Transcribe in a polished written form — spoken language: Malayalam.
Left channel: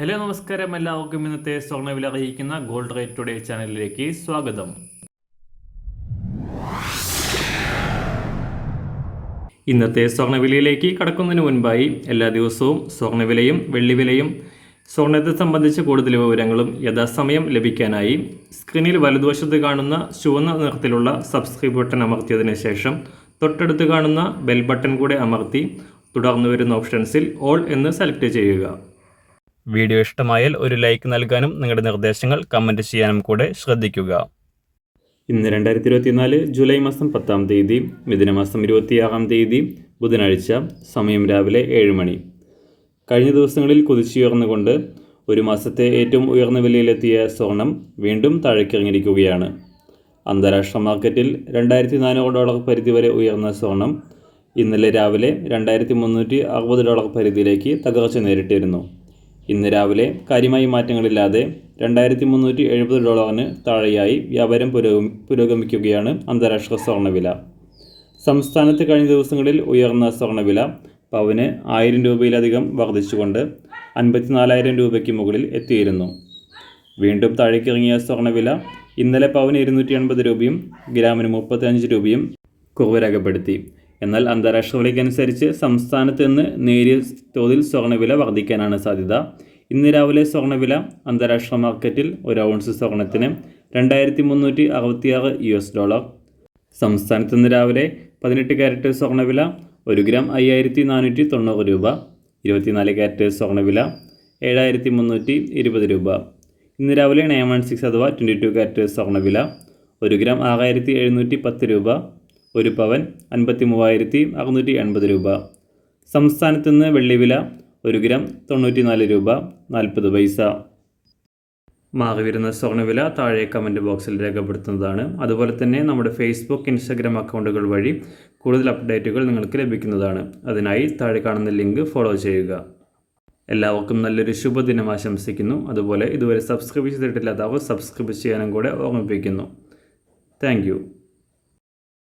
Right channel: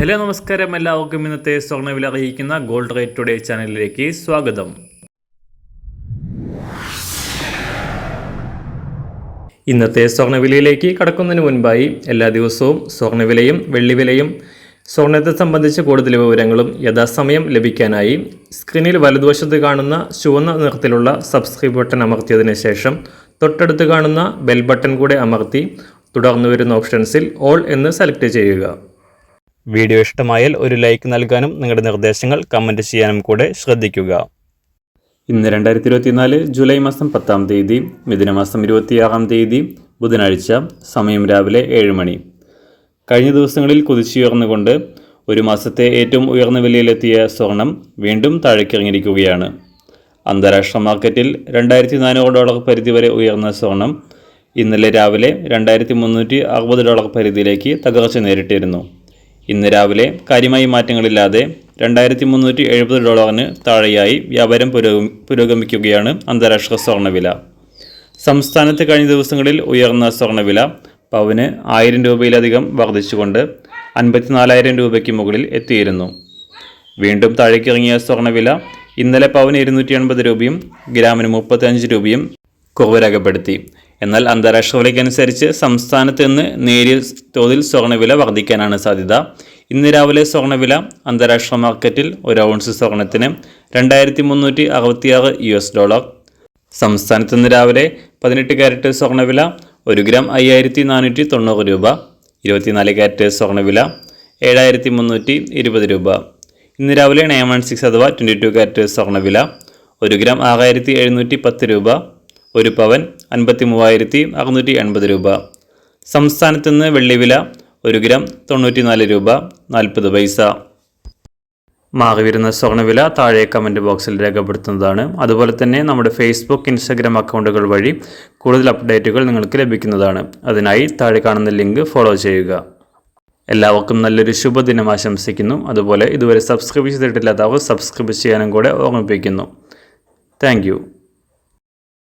ഹലോ നമസ്കാരം, എല്ലാവർക്കും ഇന്നത്തെ സ്വർണ്ണവില അറിയിക്കുന്ന ഗോൾഡ് റേറ്റ് ടുഡേ ചാനലിലേക്ക് സ്വാഗതം. ഇന്നത്തെ സ്വർണ്ണവിലയിലേക്ക് കടക്കുന്നതിന് മുൻപായി എല്ലാ ദിവസവും സ്വർണ്ണവിലയും വെള്ളിവിലയും സ്വർണ്ണത്തെ സംബന്ധിച്ച കൂടുതൽ വിവരങ്ങളും യഥാസമയം ലഭിക്കാനായി സ്ക്രീനിൽ വലതുവശത്ത് കാണുന്ന ചുവന്ന നിറത്തിലുള്ള സബ്സ്ക്രൈബ് ബട്ടൺ അമർത്തിയതിനു ശേഷം തൊട്ടടുത്ത് കാണുന്ന ബെൽ ബട്ടൺ കൂടെ അമർത്തി തുടർന്ന് വരുന്ന ഓപ്ഷൻസിൽ ഓൾ എന്ന് സെലക്ട് ചെയ്യുക. വീഡിയോ ഇഷ്ടമായാൽ ഒരു ലൈക്ക് നൽകാനും നിങ്ങളുടെ നിർദ്ദേശങ്ങൾ കമൻറ്റ് ചെയ്യാനും കൂടെ ശ്രദ്ധിക്കുക. ഇന്ന് 2024 ജൂലൈ മാസം 10-ാം തീയതി, മിഥുനമാസം 26-ാം തീയതി, ബുധനാഴ്ച. സമയം രാവിലെ 7 മണി. കഴിഞ്ഞ ദിവസങ്ങളിൽ കുതിച്ചുയർന്നുകൊണ്ട് ഒരു മാസത്തെ ഏറ്റവും ഉയർന്ന വിലയിലെത്തിയ സ്വർണം വീണ്ടും താഴേക്കിറങ്ങിയിരിക്കുകയാണ്. അന്താരാഷ്ട്ര മാർക്കറ്റിൽ $2,400 പരിധി വരെ ഉയർന്ന സ്വർണം ഇന്നലെ രാവിലെ $2,360 പരിധിയിലേക്ക് തകർച്ച നേരിട്ടിരുന്നു. ഇന്ന് രാവിലെ കാര്യമായ മാറ്റങ്ങളില്ലാതെ $2,370 താഴെയായി വ്യാപാരം പുരോഗമിക്കുകയാണ് അന്താരാഷ്ട്ര സ്വർണ്ണവില. സംസ്ഥാനത്ത് കഴിഞ്ഞ ദിവസങ്ങളിൽ ഉയർന്ന സ്വർണ്ണവില പവന് 1000 രൂപയിലധികം വർദ്ധിച്ചുകൊണ്ട് 54,000 രൂപയ്ക്ക് മുകളിൽ എത്തിയിരുന്നു. വീണ്ടും താഴേക്കിറങ്ങിയ സ്വർണ്ണവില ഇന്നലെ പവന് 280 രൂപയും ഗ്രാമിന് 35 രൂപയും കുറവ് രേഖപ്പെടുത്തി. എന്നാൽ അന്താരാഷ്ട്ര വിലയ്ക്കനുസരിച്ച് സംസ്ഥാനത്ത് നിന്ന് നേരിയ തോതിൽ സ്വർണ്ണവില വർദ്ധിക്കാനാണ് സാധ്യത. ഇന്ന് രാവിലെ സ്വർണ്ണവില അന്താരാഷ്ട്ര മാർക്കറ്റിൽ ഒരു ഔൺസ് സ്വർണ്ണത്തിന് $2,366. സംസ്ഥാനത്ത് നിന്ന് രാവിലെ 18 കാരറ്റ് സ്വർണ്ണവില 1 ഗ്രാം 5,490 രൂപ. 24 കാരറ്റ് സ്വർണ്ണവില 7,320 രൂപ. ഇന്ന് രാവിലെ 916 അഥവാ 22 കാരറ്റ് സ്വർണ്ണവില 1 ഗ്രാം 6,710 രൂപ. 1 പവൻ 53,680 രൂപ. സംസ്ഥാനത്ത് നിന്ന് വെള്ളിവില 1 ഗ്രാം 94 രൂപ 40 പൈസ. മാറി വരുന്ന സ്വർണ്ണവില താഴെ കമൻറ്റ് ബോക്സിൽ രേഖപ്പെടുത്തുന്നതാണ്. അതുപോലെ തന്നെ നമ്മുടെ ഫേസ്ബുക്ക്, ഇൻസ്റ്റാഗ്രാം അക്കൗണ്ടുകൾ വഴി കൂടുതൽ അപ്ഡേറ്റുകൾ നിങ്ങൾക്ക് ലഭിക്കുന്നതാണ്. അതിനായി താഴെ കാണുന്ന ലിങ്ക് ഫോളോ ചെയ്യുക. എല്ലാവർക്കും നല്ലൊരു ശുഭദിനം ആശംസിക്കുന്നു. അതുപോലെ ഇതുവരെ സബ്സ്ക്രൈബ് ചെയ്തിട്ടില്ലാത്തവർ സബ്സ്ക്രൈബ് ചെയ്യാനും കൂടെ ഓർമ്മിപ്പിക്കുന്നു. താങ്ക്